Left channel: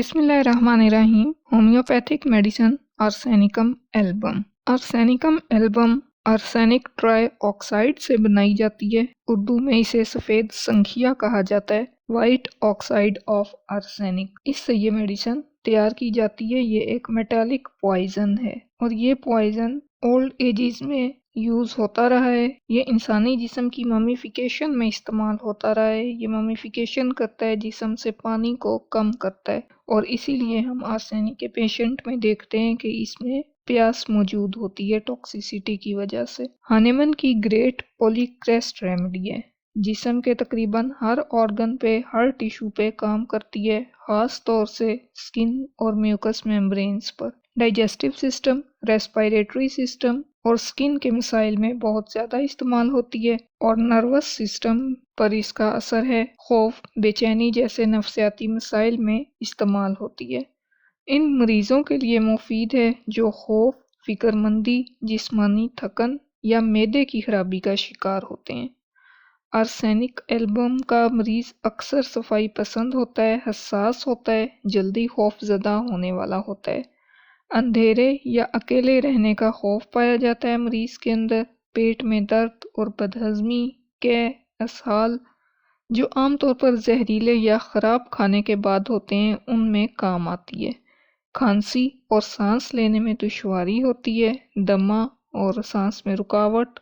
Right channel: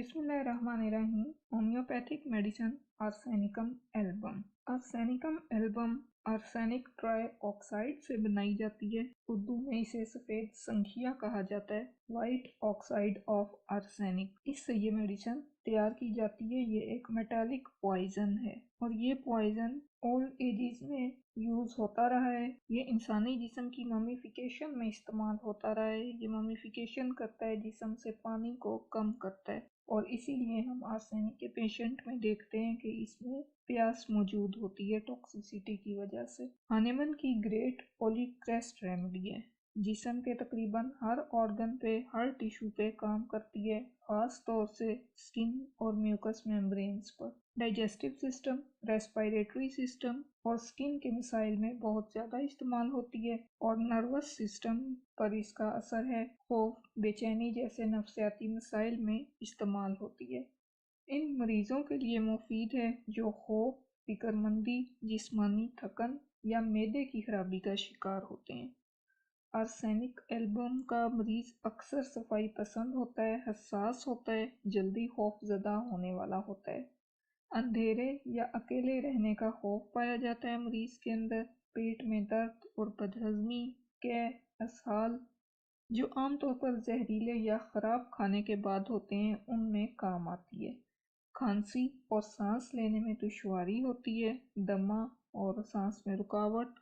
बिस्मिल्लाहिर्रहमानिर्रहीम। Homeopathic medicine arsenicum album. Arsenicum album arsenic try oxide से बनाई जाती है। उर्दू में इसे सफ़ेद संखिया कहा जाता है, वाइट ऑक्साइड ऑफ आर्सेनिक। इससे ये मेडिसिन तैयार की जाती है। ये एक मेटालिक पॉइजन है और ये पॉइजन ओल्ड एजेस में यूज़ होता रहा है। ये इंसानी जिस्म की ममीफिकेशन में इस्तेमाल होता रहा है। ये ममीफिकेशन करता है, जिस्म से पानी को कम करता है और इसीलिए हम आर्सेनिक के पेशेंट में देखते हैं कि इसमें प्यास मौजूद होती है टॉक्सिसिटी की वजह से। हानेमन की ग्रेट पॉलीक्रेस्ट रेमेडी है। जिस्म के तकरीबन हर ऑर्गन पे, हर टिश्यू पे काम करती है, खास तौर से स्किन और म्यूकस मेम्ब्रेन्स पर। डाइजेस्टिव सिस्टम, रेस्पिरेटरी सिस्टम और स्किन के मसाइल में बहुत ज़्यादा इस्तेमाल होती है और नर्वस सिस्टम पर इसका असर है। खौफ, बेचैनी जैसे नफसियाती मसाइल में इस्तेमाल होती है। इन मरीज़ों के लिए मुफीद है जो खौफ, फिक्रमंदी, जिस्मानी थकन या मैदे की खराबी का शिकार होते हैं। आर्सेनिक एल्बम का मरीज़ अक्सर सफाई पसंद होता है, हसास होता है, जल्दी खौफजदा होने वाला होता है। अंधेरे या अकेले रहने का खौफ पाया जाता है मरीज़ के अंदर। पेट में दर्द और बदहज़मी के असहाल जो आमतौर पर जहरीले या ख़राब खाने के बाद होते हैं, उनमें काम आती है। खांसी और सांस लेने में दुश्वारी होती है, दमा और सांस में रुकावट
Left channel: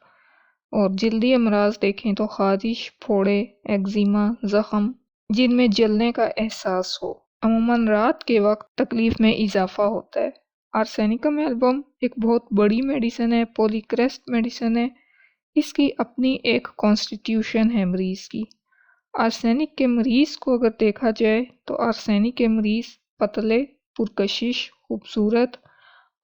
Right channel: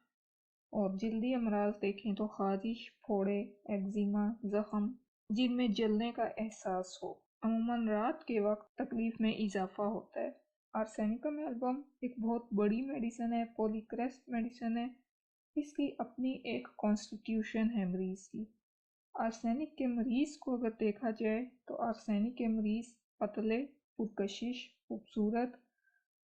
और जल्दी अमराज देखें तो खारिश, फोड़े, एक्जिमा, ज़ख़म जिनमें जलने का एहसास हो। अमूमन रात के वक्त तकलीफ में इजाफा होता है। आर्सेनिकम एल्बम एक बहुत बड़ी मेडिसिन है, पॉलीक्रेस्ट मेडिसिन है। इसकी अपनी एक कॉन्स्टिट्यूशन है मरीज़ की। आर्सेनिक के मरीज़ को अगर देखा जाए तो आर्सेनिक के मरीज़ पतले, पुरकशिश, खूबसूरत,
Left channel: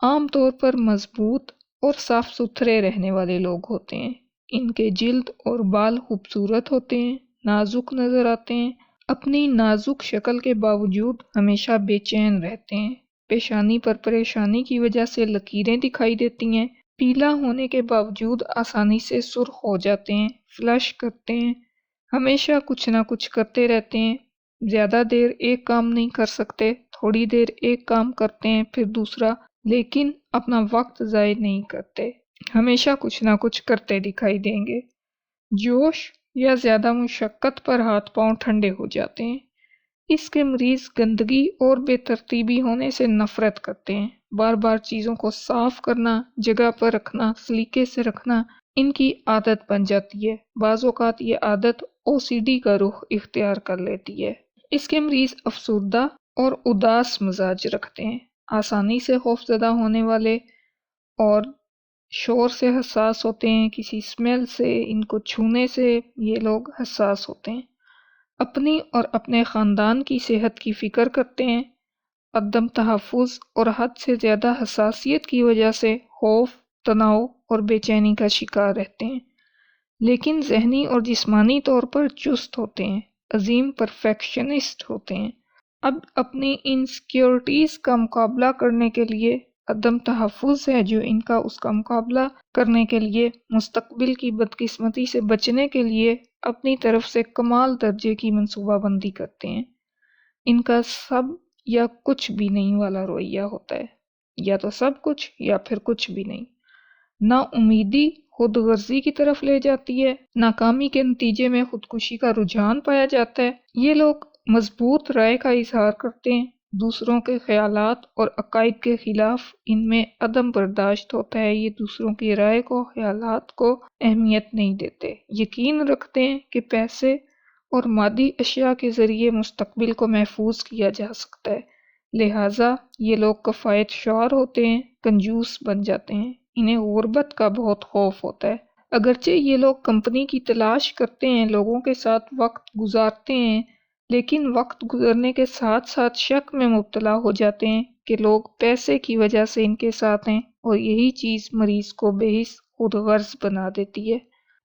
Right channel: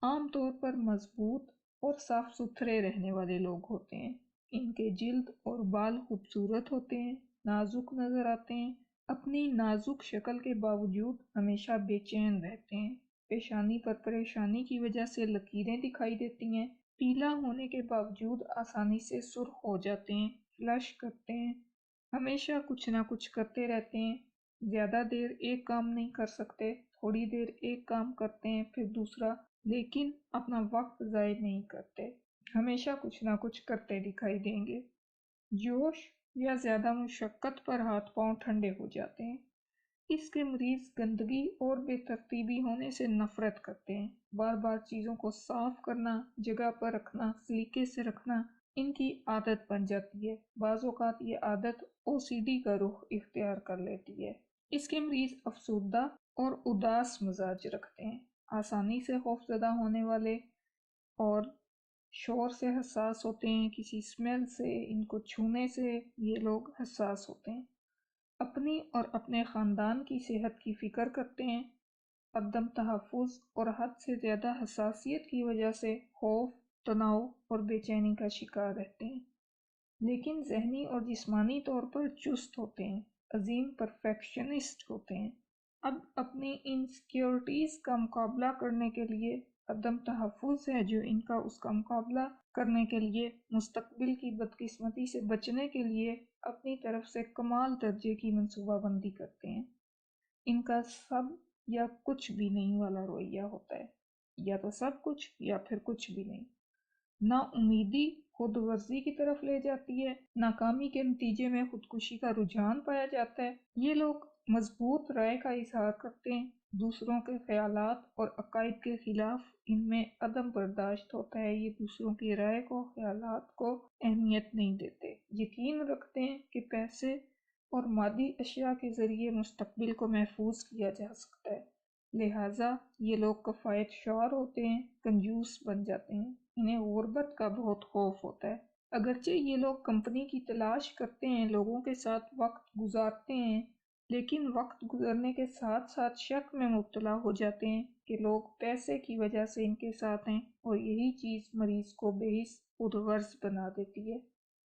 आमतौर पर मजबूत और साफ सुथरे रहने वाले लोग होते हैं। इनके जिल्द और बाल खूबसूरत होते हैं, नाजुक नज़र आते हैं। अपनी नाजुक शक्ल के बावजूद हमेशा बेचैन रहते हैं। पेशानी पर परेशानी की वजह से लकीरें दिखाई देती हैं। पीला होने के बावजूद आसानी से सुर्ख हो जाते हैं, फ्लश करते हैं, हमेशा कुछ ना कुछ करते रहते हैं। ज़्यादा देर एक काम नहीं कर सकते, थोड़ी देर एक काम करते हैं फिर दूसरा, लेकिन अपना वक्त ज़ाय नहीं करते, हमेशा कुछ ना कुछ करते दिखाई देंगे। जोश या ज़्यादा मुशक्क़त पर हाथ पांव ठंडे हो जाते हैं। इसके मरीज़ गंदगी और बेतरतीबी होने से नफ़रत करते हैं। बार बार चीज़ों को साफ़ करना, जगह पर रखना, सलीके से रखना इनकी आदत बन जाती है। बाज़ औक़ात ये आदत ओसीडी का रुख इख्तियार कर लेती है। इसके मरीज़ अफसुर्दा और उदास मिजाज रखते हैं, आसानी से खौफज़दा होने वाले और शोर से हसास होते हैं। किसी स्मेल से, इनको छूने से ये लोग हसास होते हैं। अपनी और अपने ख़ानदान की सेहत की फ़िक्र करते हैं। अदम तहफ़्फ़ुज़ और हद से ज़्यादा हसासियत की वजह से खौफ, तनाव और बेचैनी का शिकार रहते हैं, लेकिन ज़हनी और जिस्मानी तौर पर चुस्त होते हैं, अजीम परफेक्शनिस्ट होते हैं। अब अपनी इनसिक्योरिटीज़ का मुकाबला करने के लिए अदम तहफ़्फ़ुज़ है जो इनका, उसका मुकाबला करने के लिए, मुस्तक़बिल की बदकिस्मती से बचने के लिए अपनी तरफ से कमाल दर्जे की मंसूबाबंदी करते हैं। इनका सब या कुछ भी नहीं वाला रवैया होता है, या तो सब कुछ या फिर कुछ भी नहीं। ना उम्मीदी खुद गर्जी की तरफ ले जाती है, नाकामी के नतीजे में खुदकुशी का रुझान पाया जाता है। ये लोग मजबूत राय का इजहार करते हैं, दूसरों के ख्यालात और अकायद के खिलाफ इनमें अदम बर्दाश्त होता है। ये दूसरों की राय को, ख्यालात को अहमियत नहीं देते, यकीन रखते हैं कि पैसे और मादी अशिया के ज़रिए मुस्तकबिल को महफूज किया जा सकता है। लिहाजा ये लोग कफ़ायत शार होते हैं, कंजूस बन जाते हैं। इन्हें गुर्बत का बहुत खौफ होता है। अगरचे ये लोग कंपनी की तलाश करते हैं, लोगों के साथ वक्त गुजारते हैं, लेकिन वक्त गुजरने के साथ साथ शक में मुब्तला हो जाते हैं कि लोग पैसे की वजह से इनके साथ हैं और यही चीज़ मरीज़ को बेहिस खुद गर्ज बना देती है।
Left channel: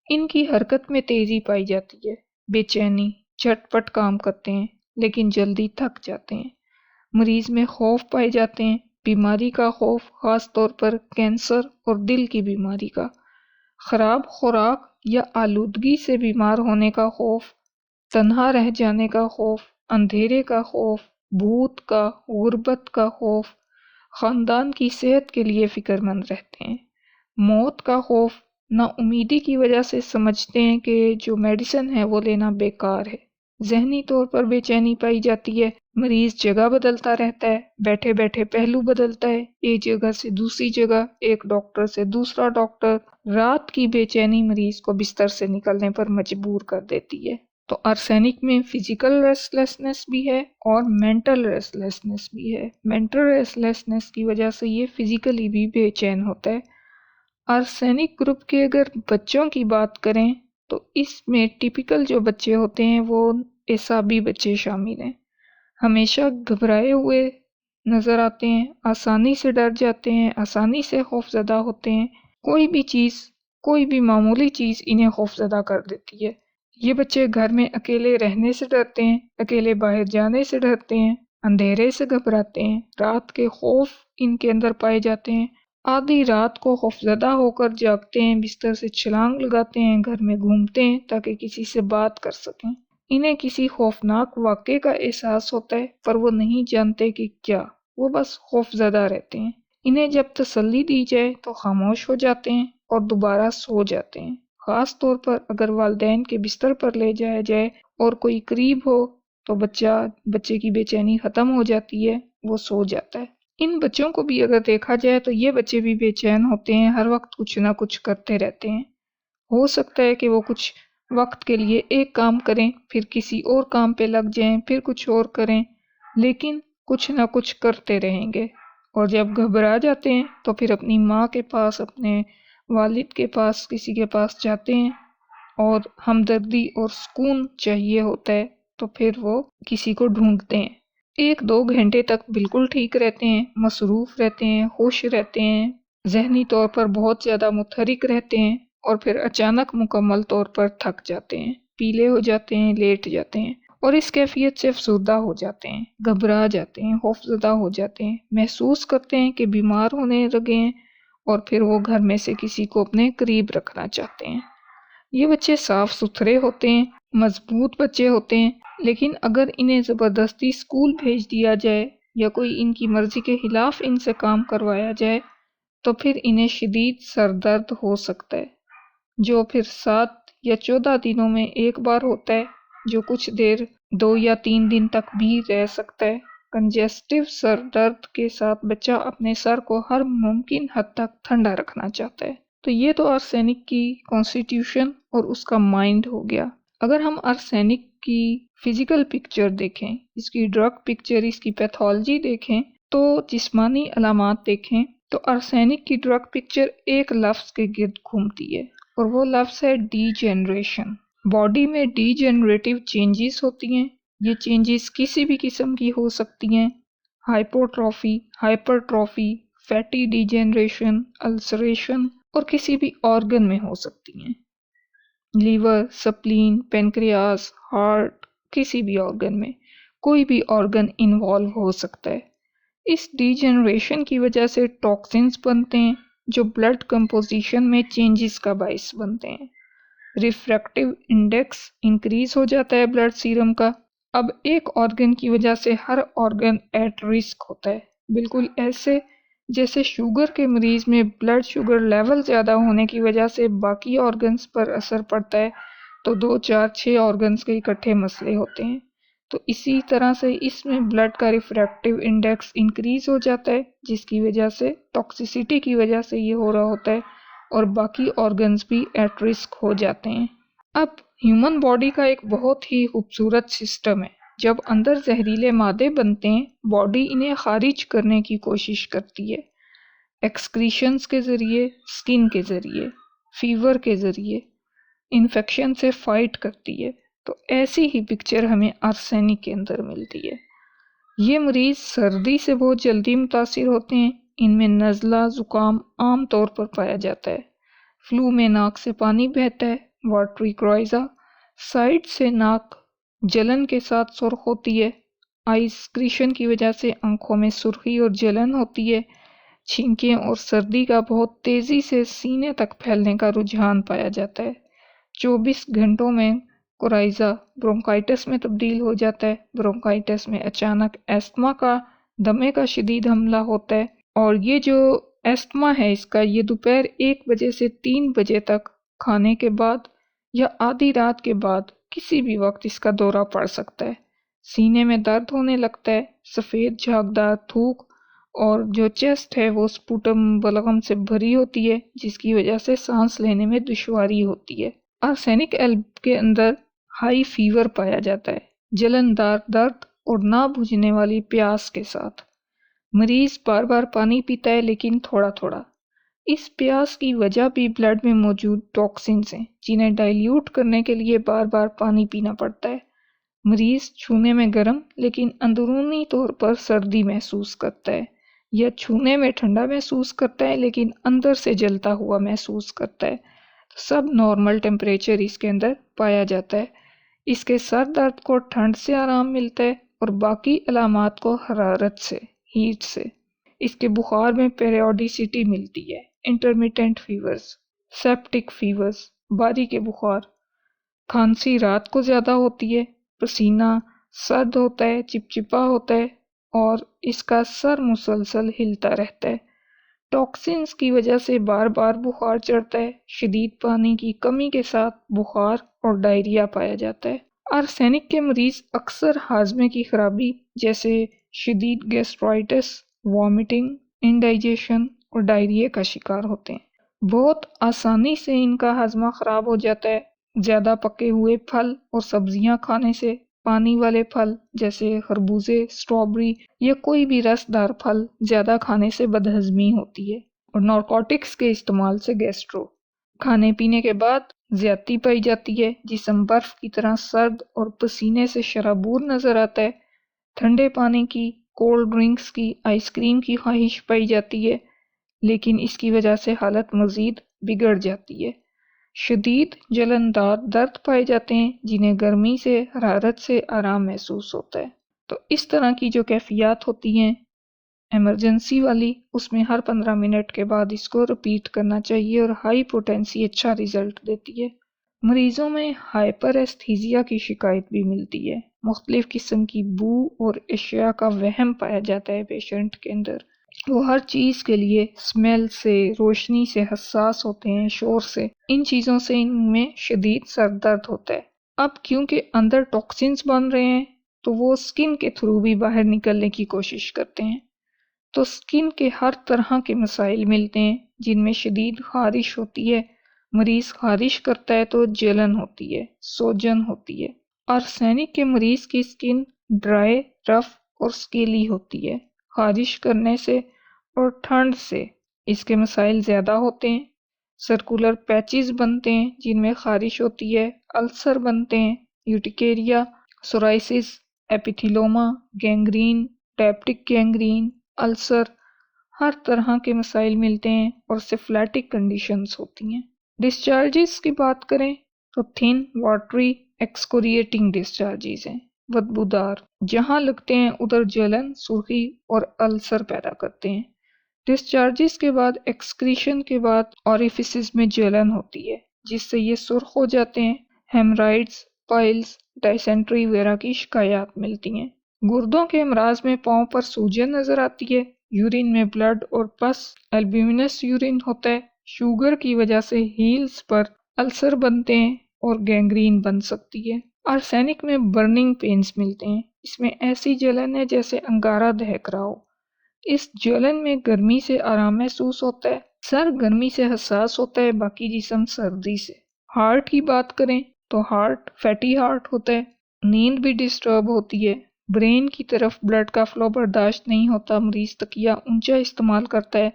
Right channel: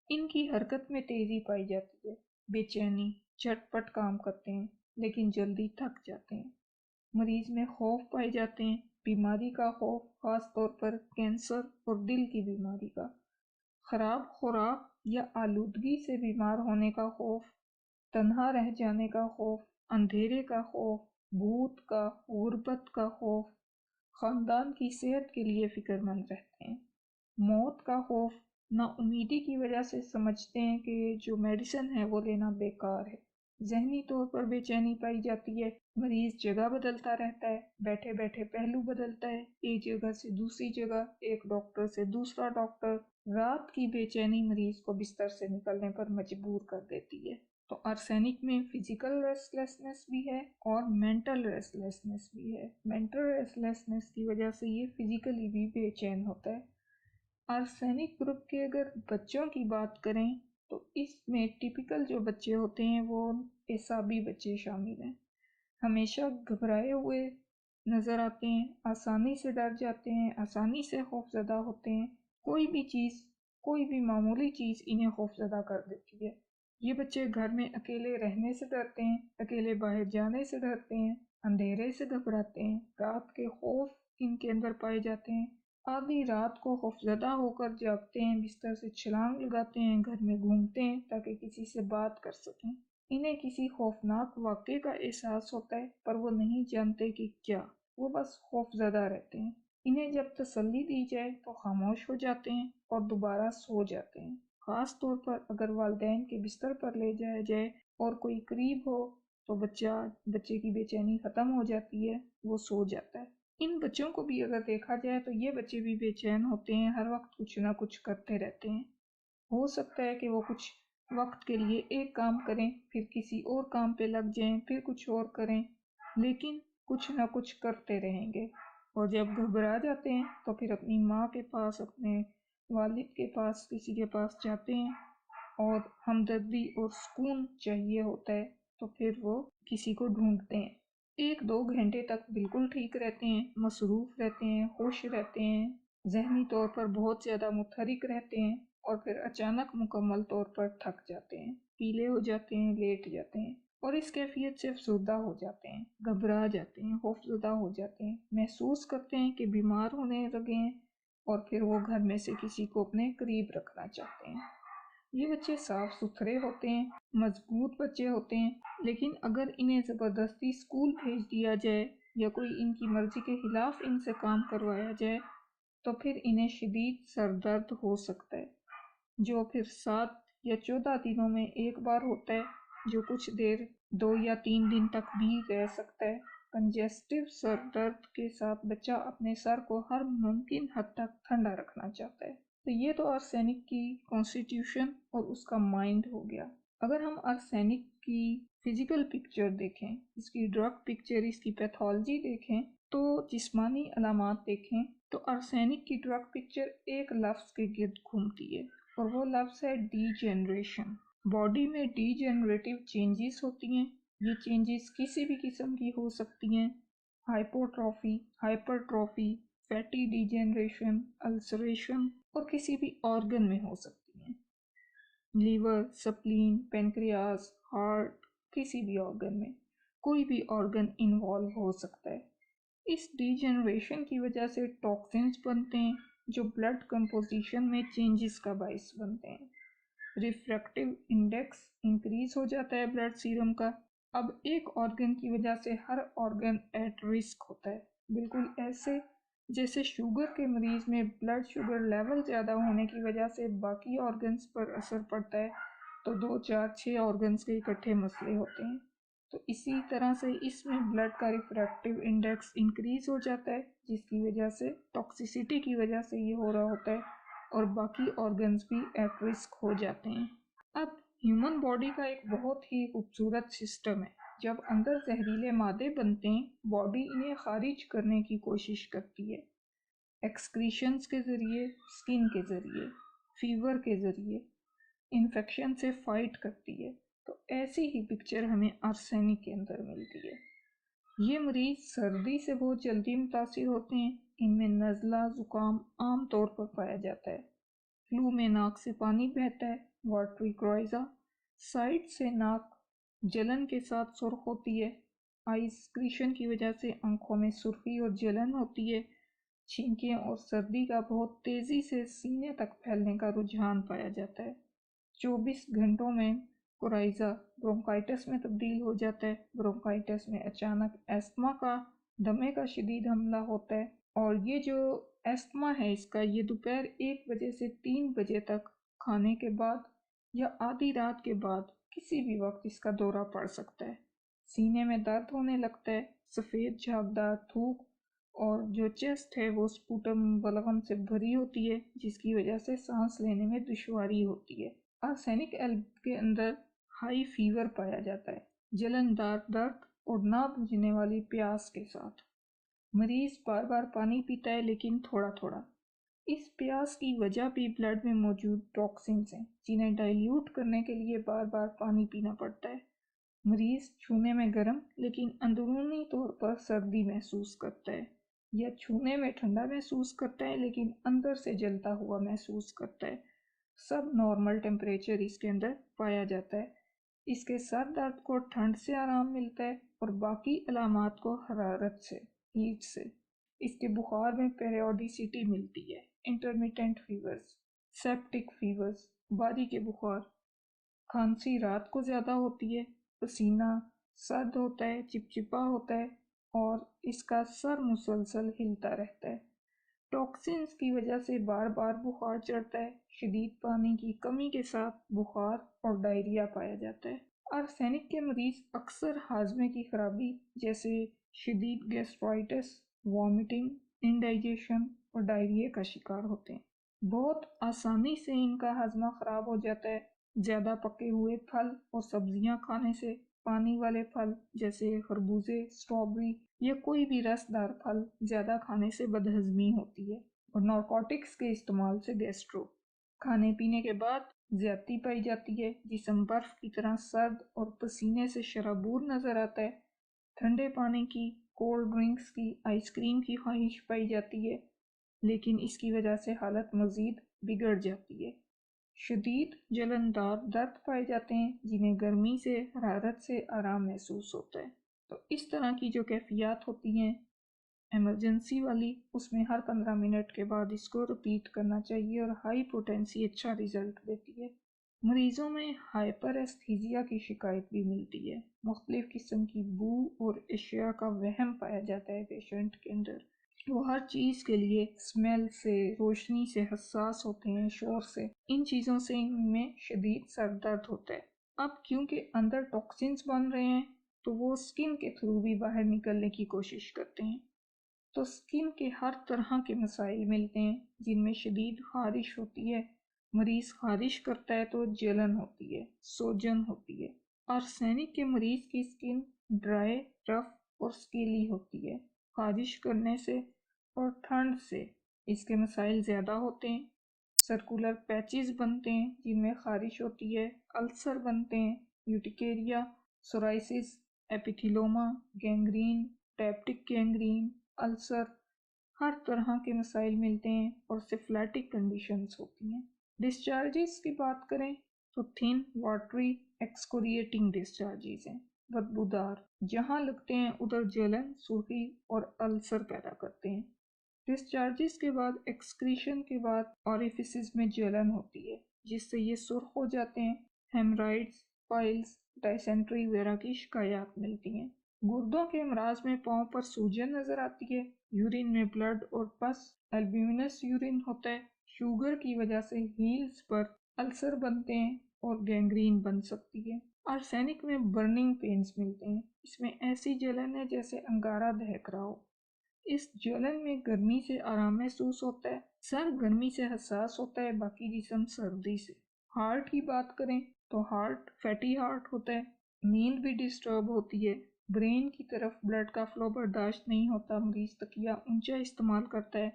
इनकी हरकत में तेज़ी पाई जाती है, बेचैनी, झटपट काम करते हैं लेकिन जल्दी थक जाते हैं। मरीज़ में खौफ पाए जाते हैं, बीमारी का खौफ, ख़ास तौर पर कैंसर और दिल की बीमारी का, ख़राब खुराक या आलूदगी से बीमार होने का खौफ, तन्हा रह जाने का खौफ, अंधेरे का खौफ, भूत का, गुर्बत का खौफ, खानदान की सेहत के लिए फिक्रमंद रहते हैं। मौत का खौफ, नाउमीदी की वजह से समझते हैं कि जो मेडिसिन है वो लेना बेकार है। जहनी तौर पर बेचैनी पाई जाती है, मरीज जगह बदलता रहता है, बैठे बैठे पहलू बदलता है, एक जगह से दूसरी जगह, एक डॉक्टर से दूसरा डॉक्टर। रात की बेचैनी मरीज को बिस्तर से निकलने पर मजबूर कर देती है। तो आर्सेनिक में फिजिकल रेस्टलेसनेस भी है और मेंटल रेस्टलेसनेस भी है। मेंटल रेस्टलेसनेस की वजह से ये फिजिकली भी बेचैन होता है। आर्सेनिक ग्रुप के अगर बच्चों की बात करें तो इसमें टिपिकल जो बच्चे होते हैं वो एसाबी बच्चे शामिल हैं। हमेशा घबराए हुए नज़र आते हैं, आसानी से डर जाते हैं, आसानी से खौफज़दा होते हैं। कोई भी चीज़, कोई भी मामूली चीज़ इन्हें खौफज़दा कर देती है। ये बच्चे घर में अकेले रहने से डरते हैं, अकेले बाहर जाने से डरते हैं, अंधेरे से घबराते हैं, रात के खौफ इनके अंदर पाए जाते हैं। आधी रात को खौफज़दा होकर जागते हैं, बिस्तर से छलांग लगाते हैं, घर में घूमते हैं ताकि किसी से बात कर सकें। इन्हें किसी खौफनाक वाक़े का एहसास होता है पर वो नहीं जानते कि क्या, वो बस खौफज़दा रहते हैं। इन्हें जब तसल्ली दी जाए तो खामोश हो जाते हैं और दोबारा सो जाते हैं। ख़ास तौर पर अगर वालिदैन के बिस्तर पर ले जाया जाए और कोई करीब हो तो बच्चे की बेचैनी ख़त्म हो जाती है, वो सो जाता है। इन बच्चों को भी अगर देखा जाए तो ये बच्चे भी बेचैन होते हैं, हर वक्त कुछ ना कुछ करते रहते हैं। हो सकता है कि वो कुछ वक्त के लिए एक काम करें, फिर किसी और काम पे लग जाएं, फिर कुछ और करें, लेकिन कुछ ना कुछ करते रहेंगे। और जब घबरा जाते हैं तो फिर अपनी माँ के पास, अपने वालिद के पास, किसी के पास जाते हैं और हमदर्दी और सुकून चाहिए होता है तो फिर वो किसी को ढूंढते हैं। 1-2 घंटे तक बिल्कुल ठीक रहते हैं, मसरूफ़ रहते हैं, खुश रहते हैं, ज़हनी तौर पर बहुत ज़्यादा मुतहरिक रहते हैं और फिर अचानक मुकम्मल तौर पर थक जाते हैं, पीले हो जाते हैं, लेट जाते हैं और इस कैफियत से अफसरदा हो जाते हैं, घबरा जाते हैं, खौफज़दा हो जाते हैं, महसूस करते हैं कि बीमार होने लगे हैं और फिर वो घर में से किसी को अपने करीब रखना चाहते हैं। ये बच्चे साफ सुथरे होते हैं, मजबूत बच्चे होते हैं, लेकिन अगर इन्हें ज़बरदस्ती स्कूल भेज दिया जाए या कोई इनकी मर्ज़ी के खिलाफ इनसे काम करवाया जाए तो फिर इन्हें शदीद सर दर्द हो सकता है, जो फिर 7 या 14 दिनों में एक बार होता है, जो कुछ देर 2 या 3 दिन तक भी रह सकता है। कंजेस्टिव सर दर्द के साथ बच्चा अपने सर को हर मुमकिन हद तक ठंडा रखना चाहता है। तो ये तो आर्सेनिक की कॉन्स्टिट्यूशन और उसका माइंड हो गया। अगर हम आर्सेनिक की फिजिकल पिक्चर देखें, इसकी ड्रग पिक्चर, इसकी पैथोलॉजी देखें, तो जिस्मानी अलामात देखें, तो आर्सेनिक की ड्रग पिक्चर एक लफ्ज़ के गिर्द घूमती है और वो लफ्ज़ है डीजेनरेशन। बॉडी में डीजेनरेटिव चेंजेस होती हैं। ये चेंजेस किसी भी किस्म की हो सकती हैं, hypotrophy, hypertrophy, fatty degeneration, ulceration और किसी भी ऑर्गन में हो सकती हैं, लीवर, स्प्लीन, पेनक्रियास, हार्ट, किसी भी ऑर्गन में, कोई भी ऑर्गन इन्वॉल्व हो सकता है। इस डीजेनरेशन की वजह से टॉक्सिन्स बनते हैं जो ब्लड कंपोजिशन में चेंजेस का बायस बनते हैं। रिफ्रैक्टिव इंडेक्स इंक्रीज हो जाता है ब्लड सीरम का। अब एक ऑर्गन की वजह से हर ऑर्गन एट रिस्क होता है, बिल्कुल ऐसे जैसे शुगर के मरीज में ब्लड शुगर लेवल ज़्यादा होने की वजह से बाकी ऑर्गन्स पर असर पड़ता है, तो 2, 4, 6 ऑर्गन्स के इकट्ठे मसले होते हैं। तो इसी तरह से इसमें ब्लड का रिफ्रैक्टिव इंडेक्स इंक्रीज हो जाता है, जिसकी वजह से टॉक्सिसिटी की वजह से ये हो रहा होता है और बाकी ऑर्गन्स भी एट रिस्क हो जाते हैं। अब ह्यूमन बॉडी का एक बहुत ही खूबसूरत सिस्टम है। जब अंदर जहरीले मादे बनते हैं, बॉडी इन्हें खारिज करने की कोशिश करती है, एक्सक्रीशंस के ज़रिए, स्किन के ज़रिए, फीवर के ज़रिए, इन्फेक्शन से फाइट करती है। तो ऐसी ही पिक्चर हमें आर्सेनिक के अंदर मिलती है। ये मरीज़ सर्दी से बहुत जल्दी मुतासिर होते हैं, इनमें नज़ला ज़ुकाम आम तौर पर पाया जाता है। फ्लू में नाक से पानी बहता है, वाटरी क्राइज़ा, साइड से नाक जलन के साथ सुर्ख होती है, आई स्क्रीशन की वजह से आंखों में सुर्खी और जलन होती है, छींकें और सर्दी का बहुत तेज़ी से सीने तक फैलने का रुझान पाया जाता है। 24 घंटों में कोराइजा ब्रोंकाइटिस में तब्दील हो जाता है। ब्रोंकाइटिस में अचानक एस्थमा का दमे का शदीद हमला होता है, और ये जो एस्थमा है इसका ये दोपहर 1 बजे से 3 बजे तक खाने के बाद या आधी रात के बाद किसी भी वक्त इसका दौरा पड़ सकता है। सीने में दर्द होने लगता है, सफ़ेद झागदार थूक, और जो चेस्ट है वो स्पुटम बलगम से भरी होती है, जिसकी वजह से सांस लेने में दुश्वारी होती है। आर्सेनिक एल्ब के अंदर हाई फीवर पाया जाता है, जलनदार दर्द और ना बुझने वाली प्यास के साथ। मरीज बार बार पानी पीता है लेकिन थोड़ा थोड़ा। इस प्यास की वजह भी ब्लड में मौजूद टॉक्सिन्स हैं, जिन्हें डाइल्यूट करने के लिए बार बार पानी पीना पड़ता है। मरीज छूने में गर्म लेकिन अंदरूनी तौर पर सर्दी महसूस करता है, या छूने में ठंडा महसूस करता है लेकिन अंदर से जलता हुआ महसूस करता है। तो सब नॉर्मल टेम्परेचर इसके अंदर पाया जाता है। इसके सर दर्द को ठंड से आराम मिलता है और बाकी अलामात को हरारत से, हीट से। इसके बुखार में पेरियोडिसिटी मिलती है। इंटरमिटेंट फीवर्स, सेप्टिक फीवर्स, बारी के बुखार, खांसी रात को ज़्यादा होती है, पसीना सर्द होता है, चिपचिपा होता है, और इसका सर मुसलसल हिलता रहता है। टॉक्सिन्स की वजह से बार बार बुखार चढ़ता है। शदीद पानी की कमी के साथ बुखार और डायरिया पाया जाता है। आर्सेनिक के मरीज अक्सर हाजमे की खराबी जैसे शदीद गैस्ट्राइटिस, वॉमिटिंग, इंडाइजेशन और डायरिया का शिकार होते हैं। बहुत आसानी से इनका हाजमा खराब हो जाता है। ज़्यादा पके हुए फल और सब्जियां खाने से, पानी वाले फल जैसे खरबूजे, स्ट्रॉबेरी या कोई भी रसदार फल ज़्यादा खाने से बदहजमी होती है, और नारकोटिक्स के इस्तेमाल से गैस्ट्रो। खाने पीने के बाद ज्यादती पाई जाती है, जिस्म बर्फ की तरह सर्द और पसीने से शराबूर नजर आता है। ठंडे पानी की, कोल्ड ड्रिंक्स की, आइसक्रीम की ख्वाहिश पाई जाती है, लेकिन इसकी वजह से हालत मज़ीद बिगड़ जाती है। शदीद जलनदार दर्द पाए जाते हैं, जिन्हें गर्मी से, हरारत से आराम महसूस होता है। तो इस तरह की जो कैफियत होती हैं इमरजेंसी वाली, उसमें हर 15 मिनट के बाद इसको रिपीट करना चाहिए, और हाई पोटेंसी अच्छा रिजल्ट देती है। मरीजों में हाइपर एस्थीजिया की शिकायत भी मिलती है। मुख्तलिफ किस्म की बू और अशिया का वहम पाया जाता है पेशेंट के अंदर। वो हर चीज़ के लिए स्मेल से, रोशनी से हसास होते हैं, शोर से। इन चीज़ों से इनमें शदीद सर दर्द होता है। अब क्योंकि अंदर टॉक्सिन्स बन रहे हैं, तो वो स्किन के थ्रू भी बाहर निकलने की कोशिश करते हैं। तो स्किन के हर तरह के मसाइल मिलते हैं, जिनमें शदीद खारिश होती है। मरीज़ खारिश करता है तो जलन होती है, सोजन होती है। आर्सेनिक के मरीज़ की स्किन ड्राई, रफ और स्केली होती है, खारिश करने से और ठंड से इसके मसाइल ज़्यादा होते हैं। सर्कुलर पैचेस बनते हैं जिनमें खारिश होती है, अल्सर बनते हैं, urticaria, psoriasis, epithelioma, gangrene, peptic gangrene, ulcer, हर तरह के मसाइल मिलते हैं, और सिफिलिटिक कंडीशंस होती हैं। डिस्चार्जेस की बात करें तो थिन, वाटरी, एक्सकोरिएटिंग डिस्चार्जेस हैं, बदबूदार, जहाँ लगते हैं उधर जलन, सुर्खी और अल्सर पैदा करते हैं। डिस्चार्जेस के बाद, एक्सक्रीशन के बाद ऑरिफिसेस में जलन होती है, जिससे ये सुर्ख हो जाते हैं। हेमराइड्स, पाइल्स, डायसेंट्री वगैरह की शिकायत मिलती हैं। गुर्दों के अमराज में पाँव पर सूजन नजर आती है। यूरिन में ब्लड और पस, एल्ब्यूमिनस यूरिन होता है। शुगर की वजह से हील्स पर अल्सर बनते हैं और गैंग्रीन बन सकती है। आर्सेनिक में बर्निंग पेन्स मिलते हैं। इसमें ऐसी जलन है जैसे अंगारा दहक रहा हो। इस जलन में गर्मी से आराम महसूस होता है। सर गर्मी से हसास होता है, बाकी जिस्म सर्दी से। हार्ट की बात करें तो हार्ट फैटी हार्ट होता है। नींद भी डिस्टर्ब होती है। ब्रेन की तरफ ब्लड का फ्लो बर्दाश्त नहीं होता। मरीज तकिया ऊंचा इस्तेमाल करता है,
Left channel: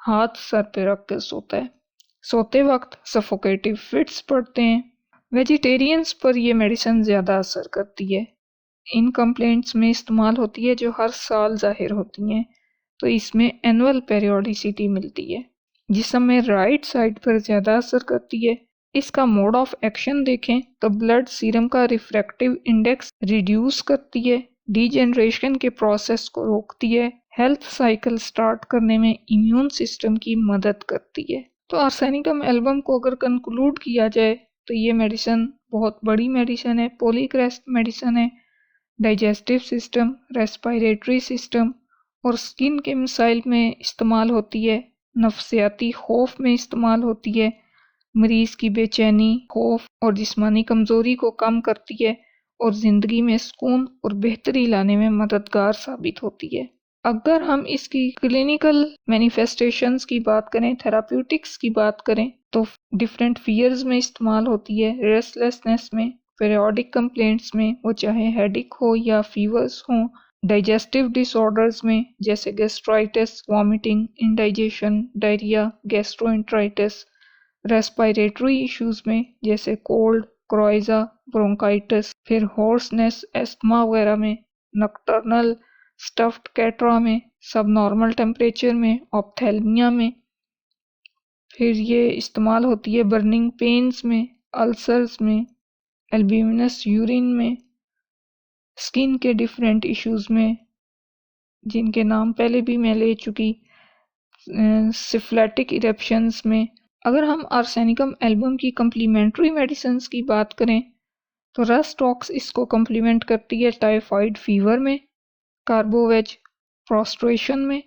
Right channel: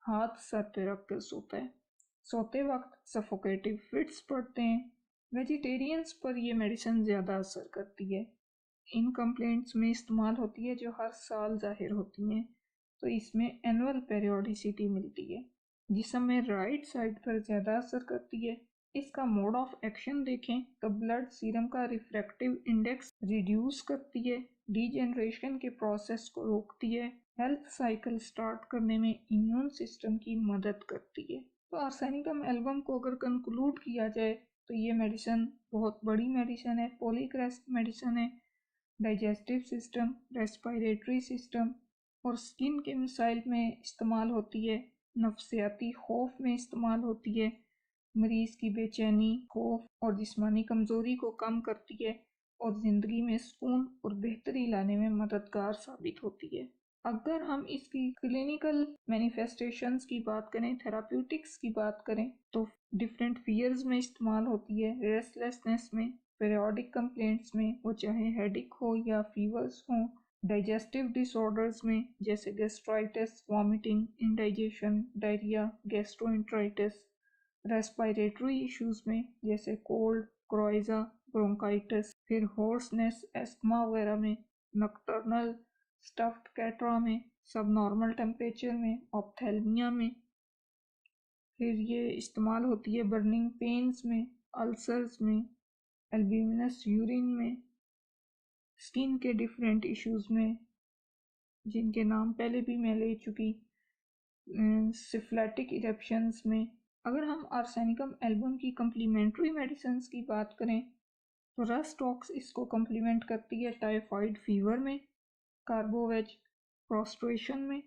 हाथ सर पे रख कर सोता है। सोते वक्त सफोकेटिव फिट्स पड़ते हैं। वेजिटेरियंस पर यह मेडिसिन ज़्यादा असर करती है। इन कंप्लेंट्स में इस्तेमाल होती है जो हर साल जाहिर होती हैं। तो इसमें एनुअल पेरियोडिसिटी मिलती है। जिस्म में राइट साइड पर ज़्यादा असर करती है। इसका मोड ऑफ एक्शन देखें तो ब्लड सीरम का रिफ्रैक्टिव इंडेक्स रिड्यूस करती है, डीजेनरेशन के प्रोसेस को रोकती है, हेल्थ साइकिल स्टार्ट करने में इम्यून सिस्टम की मदद करती है। तो आर्सेनिकम एल्बम को अगर कंक्लूड किया जाए तो ये मेडिसिन بہت بڑی میڈیسن ہے، پولیکریسٹ میڈیسن ہے، ڈائجسٹو سسٹم، ریسپائریٹری سسٹم اور سکن کے مسائل میں استعمال ہوتی ہے، نفسیاتی خوف میں استعمال ہوتی ہے، مریض کی بے چینی، خوف اور جسمانی کمزوری کو کم کرتی ہے اور زندگی میں سکون اور بہتری لانے میں مددگار ثابت ہوتی ہے۔ اگر ہم اس کی کلینیکل مینیفیسٹیشنز کی بات کریں، تھراپیوٹکس کی بات کریں تو ڈفرینٹ فیئرز میں استعمال ہوتی ہے، ریسٹلیسنس میں، پیریوڈک کمپلینٹس میں، وہ چاہے ہیڈک ہو یا فیورز ہوں، ڈائجسٹو ڈس آرڈرز میں جیسے gastritis, vomiting, indigestion, diarrhoea, gastroenteritis, respiratory issues میں جیسے کولڈ، کرائزا، برونکائٹس، پھر ہورسنس، ایستما وغیرہ میں، نکٹرنل اسٹفڈ کیٹرا میں، سب نارمل ٹیمپریچر میں، آپتھیلمیا میں، پھر یہ استعمال ہوتی ہے برننگ پینز میں، السرز میں، البیومنس یورین میں، سکن کے ڈیفرنٹ ایشوز میں جن کے نام پہلے بھی میں لے چکی، سفلیٹک ایرپشنز میں۔ اگر ہم آرسینیکم ایلبم کی کمپلیمنٹری میڈیسنز کی بات کریں تو رس ٹاکس اس کو کمپلیمنٹ کرتی ہے ٹائیفائڈ فیور میں، کاربوویج پروسٹریشن میں،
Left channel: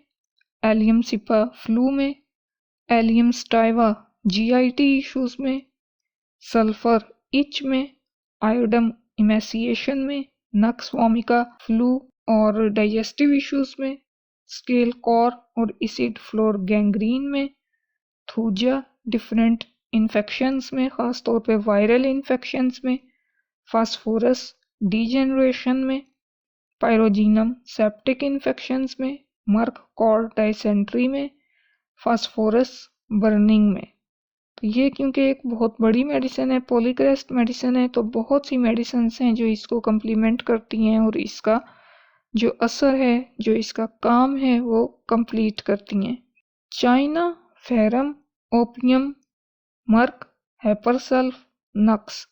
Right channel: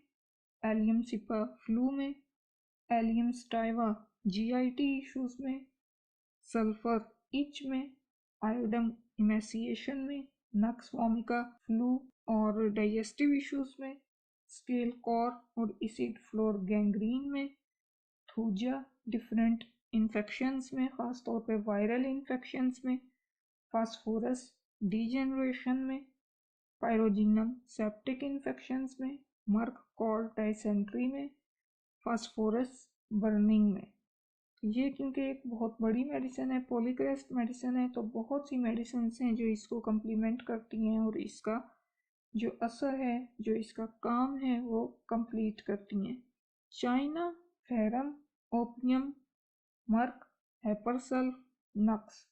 ایلیم سپا فلو میں، ایلیم سٹائیوا جی آئی ٹی ایشوز میں، سلفر ایچ میں، آئوڈم ایمیسیشن میں، نکس وومیکا فلو اور ڈائجسٹو ایشوز میں، اسکیل کور اور ایسڈ فلور گینگرین میں، تھوجا ڈفرینٹ انفیکشنز میں خاص طور پہ وائرل انفیکشنز میں، فاسفورس ڈی جنریشن میں، پائروجینم سیپٹک انفیکشنز میں، مرک کال ڈائسینٹری میں، فاسفورس برننگ میں۔ تو یہ کیونکہ ایک بہت بڑی میڈیسن ہے، پولیکریسٹ میڈیسن ہے، تو بہت سی میڈیسنز ہیں جو اس کو کمپلیمنٹ کرتی ہیں اور اس کا جو اثر ہے، جو اس کا کام ہے وہ کمپلیٹ کرتی ہیں۔ چائنا، فیرم، اوپیم، مرک، ہیپرسلف، نکس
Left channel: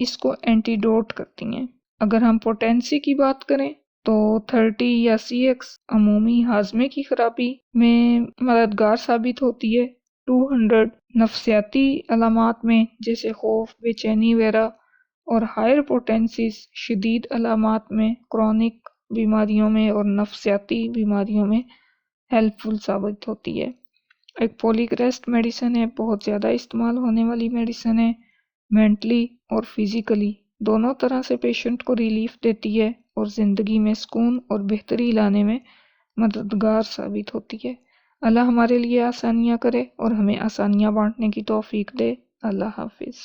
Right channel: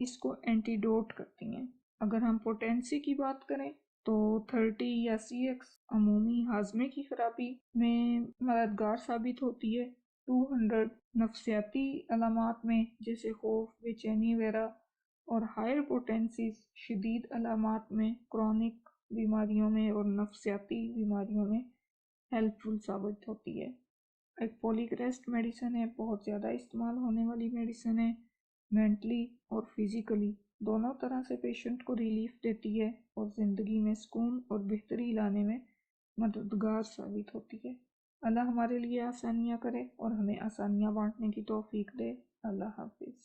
اس کو اینٹیڈوٹ کرتی ہیں۔ اگر ہم پوٹینسی کی بات کریں تو 30 یا سی ایکس عمومی ہاضمے کی خرابی میں مددگار ثابت ہوتی ہے، 200 نفسیاتی علامات میں جیسے خوف، بے چینی وغیرہ، اور ہائر پوٹینسیز شدید علامات میں، کرونک بیماریوں میں اور نفسیاتی بیماریوں میں ہیلپ فل ثابت ہوتی ہے۔ ایک پولیکریسٹ میڈیسن ہے، بہت زیادہ استعمال ہونے والی میڈیسن ہے، مینٹلی اور فزیکلی دونوں طرح سے پیشنٹ کو ریلیف دیتی ہے اور زندگی میں سکون اور بہتری لانے میں مددگار ثابت ہوتی ہے۔ اللہ ہمارے لیے آسانیاں کرے اور ہمیں آسانیاں بانٹنے کی توفیق دے۔ اللہ حافظ۔